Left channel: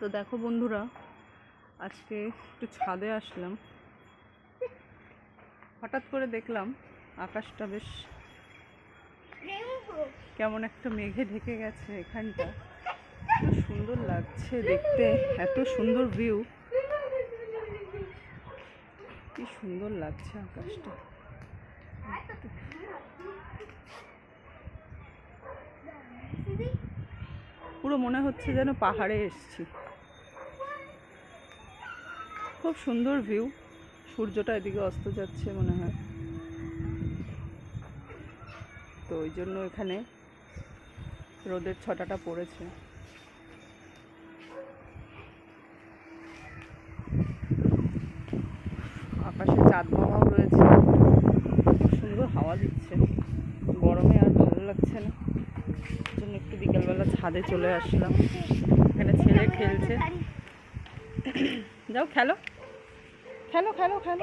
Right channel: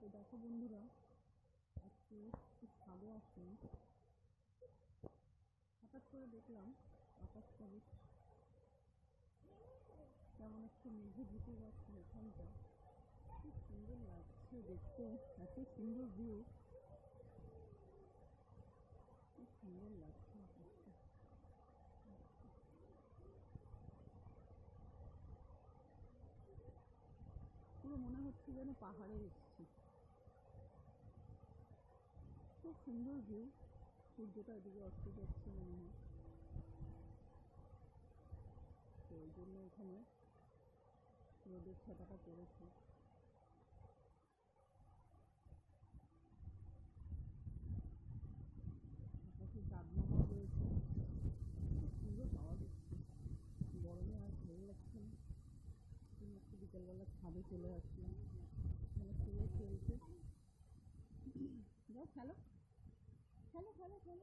তো দেখো বন্ধুরা, আজকে একটু ছাদে আসলাম। হঠাৎ করে দেখলাম আকাশটা বেশ কেমন একটা মেঘে ঢেকে গেছে। এখানটা খুব সুন্দর লাগছে দেখতে, এত সুন্দর ভিউ, কি সুন্দর লাগছে আকাশটা। পুরো মনে হচ্ছে যেন পাহাড়ে এসেছি। খুব সুন্দর ভিউ। সূর্যটা এদিকে অস্ত যাচ্ছে মনে হয়, তো ওই জন্য এখানে রোদের ছটাটা পড়েছে। আকাশে চাঁদ মামাও রয়েছে, খুব সুন্দর হাওয়া দিচ্ছে। গরমে আর ভালো লাগছে না, জন্য একটু বিকালবেলা ছাদে চলে আসলাম। এখানে ছেলে খেলছে। যাও খেলো খেলো খেলো খেলো।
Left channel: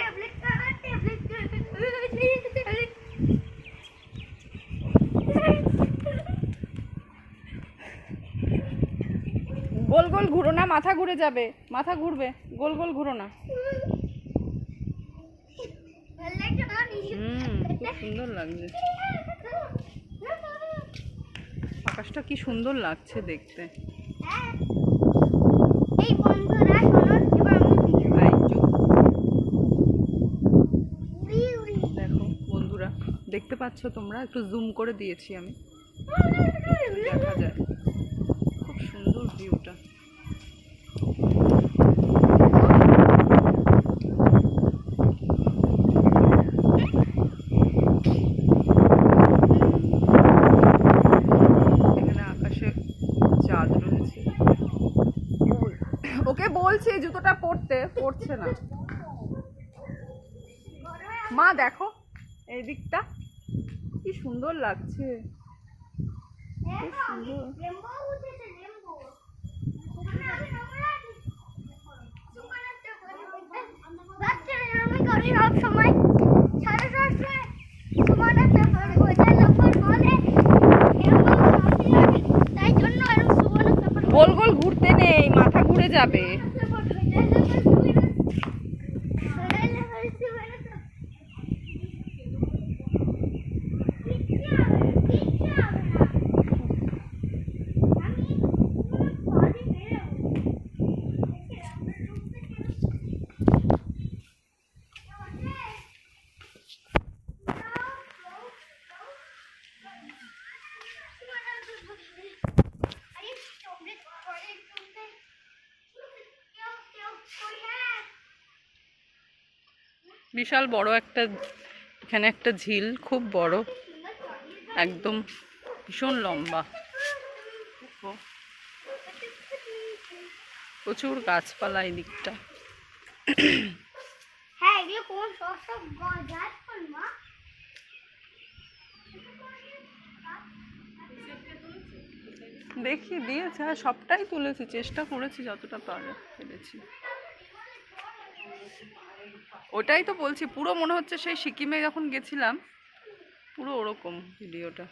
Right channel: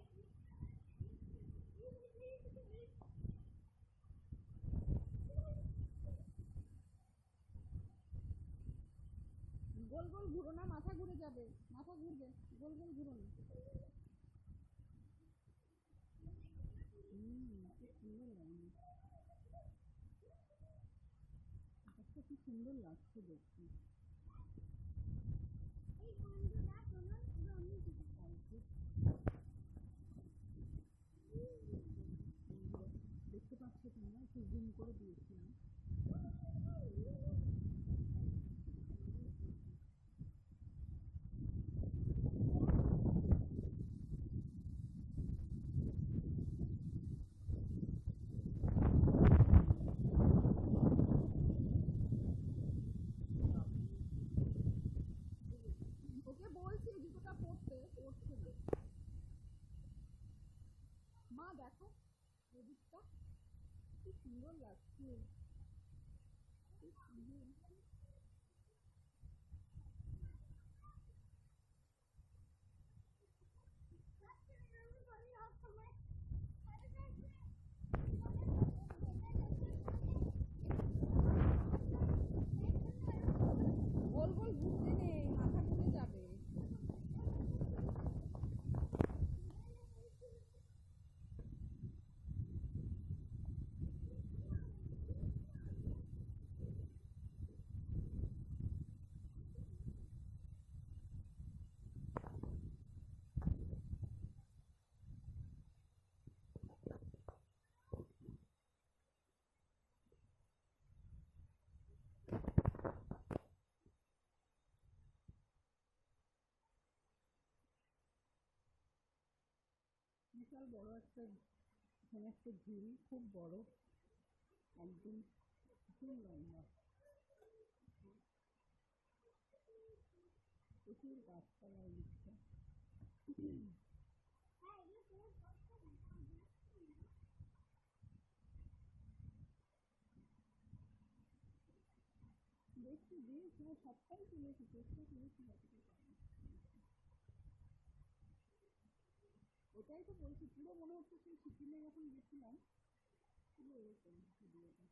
গোল গোল ঘুরো না, মাথা ঘুরে যাবে, মাথা ঘুরবে, গোল গোল ঘুরো না। খুব সুন্দর লাগছে আকাশটা, কি সুন্দর লাগছে দেখতে। দেখো বন্ধুরা, দেখতে পাচ্ছ তোমরা? একটু জুম করে দিয়েছি আমি, দেখা যায় খুব সুন্দর ভিউটা। এখানে আকাশে চাঁদ রয়েছে। ওকে বলছি জুতোটা পড়ছে না। মা দেখো এই দিকটা কি সুন্দর লাগছে, খুব সুন্দর। গোল গোল ঘুরতে নেই, মাথা ঘুরে যাবে। বিশাল বড় একটা, এখানে একটা ঝিল, খুব বড়, একদম ভীষণ লম্বা, প্রচুর গাছপালা এই দিকটা। দেখি দিয়েছে, হ্যাঁ সবটাই তুলেছি, চেষ্টা করেছি যতটা পেরেছি। ওটাই তো বলছি, পুরো মনে হচ্ছে সেই সিকিমে যখন গেছিলাম পুরো ওরকম ভিডিওটা।